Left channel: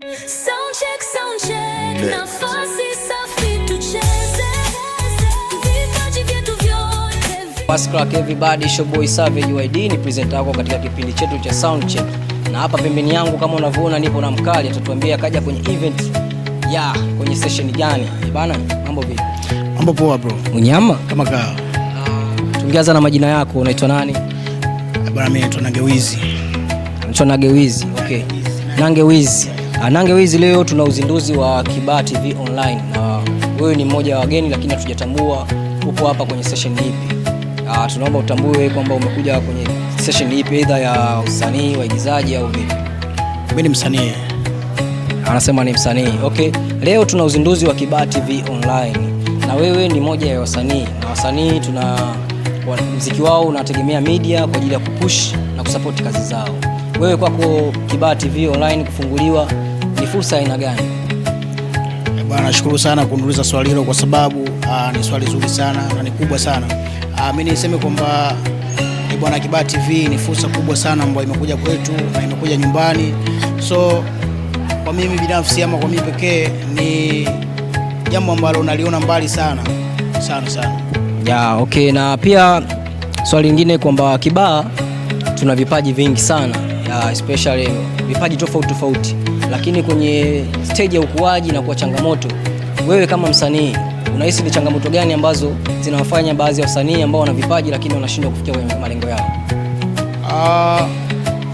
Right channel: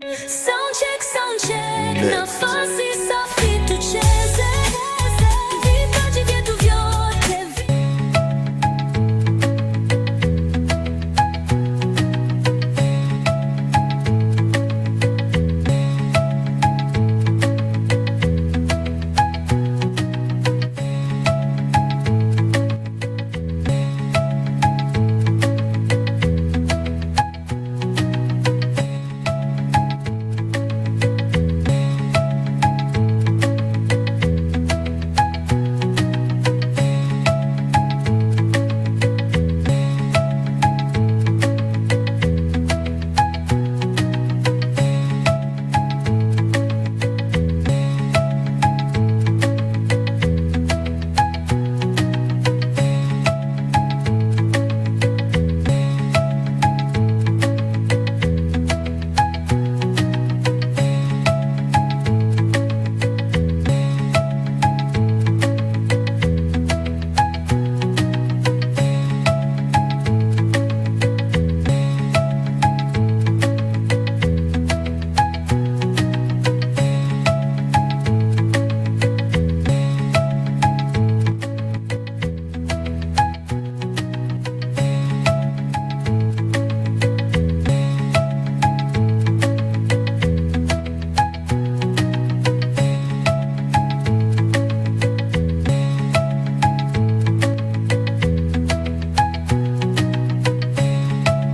Sound check, nafasi safi tucheze, vipaji vyetu vyote. What's crack everybody, show boy Savage YD ni presenter wako katika kipindi chetu cha sound check. Na hapa pembeni yangu kama unavyoona nipo na mkali, atatuambia kaja kwenye event kwenye session gani. Bana, mambo vipi? Mambo poa bro. Unyama? Kama kawa. Tungeanza na majina yako, unaitwa nani? Bwana mimi naitwa Nangewizi. Unaitwa Nangewizi. Okay. Nangewizi. Nangewizi, leo tuna uzinduzi wa Kibaha TV online. Wewe ni mmoja wa wageni lakini hatujatambua upo hapa kwenye session hii. Tunaomba utambue kwamba umekuja kwenye session hii either ya usanii, waigizaji au vipi? Mimi ni msanii. Anasema ni msanii. Okay. Leo tuna uzinduzi wa Kibaha TV online. Na wewe ni moja ya wasanii. Na wasanii muziki wao unategemea media kwa ajili ya kupush na kusupport kazi zao. Wewe kwako Kibaha TV online kufunguliwa ni fursa aina gani? Bwana, nashukuru sana kuniuliza swali hilo kwa sababu ni swali zuri sana na ni kubwa sana. Mimi niseme kwamba bwana, Kibaha TV ni fursa kubwa sana ambayo imekuja kwetu na imekuja nyumbani. So kwa mimi binafsi ama kwa mimi pekee ni jambo ambalo naliona mbali sana sana. Okay, na pia swali lingine kwamba Kibaha tuna vipaji vingi sana, especially vipaji tofauti, lakini kwenye stage ya ukuaji na kwa changamoto, wewe kama msanii unahisi ni changamoto gani ambazo zinawafanya baadhi ya wasanii ambao wana vipaji lakini wanashindwa kufikia kwenye malengo yao?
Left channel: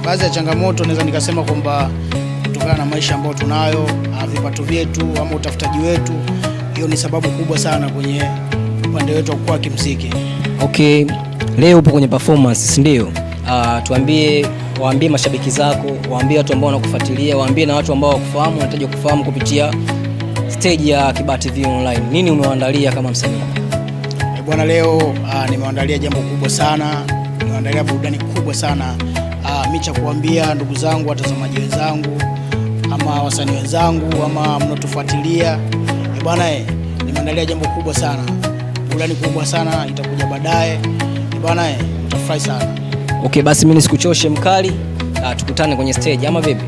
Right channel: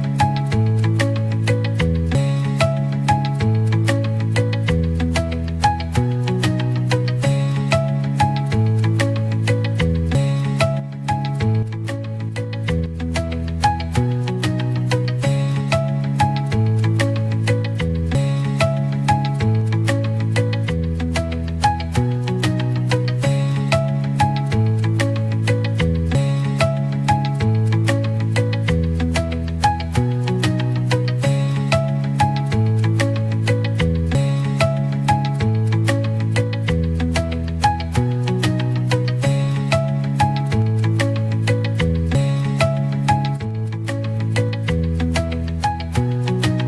Baadhi ya changamoto naweza nikasema kwamba kutokana na maisha ambayo tunayo, vipato vyetu ama utafutaji wetu, hiyo ni sababu kubwa sana kwenye upande wetu wa kukua kimuziki. Okay, leo upo kwenye performance, si ndio? Waambie mashabiki zako, waambie watu ambao wanakufuatilia, waambie na watu ambao wakufahamu, wanataka kufahamu kupitia stage ya Kibaha TV online. Nini umewaandalia kama msanii? Bwana, leo nimewaandalia jambo kubwa sana, nimewaandalia burudani kubwa sana. Mimi cha kuambia ndugu zangu, watazamaji wenzangu, ama wasanii wenzangu, ama mnatufuatilia, bwana, nimeandalia jambo kubwa sana, burudani kubwa sana itakuja baadaye. Bwana, tutafurahi sana. Okay, basi mimi nisikuchoshe mkali, tukutane kwenye stage ama vipi?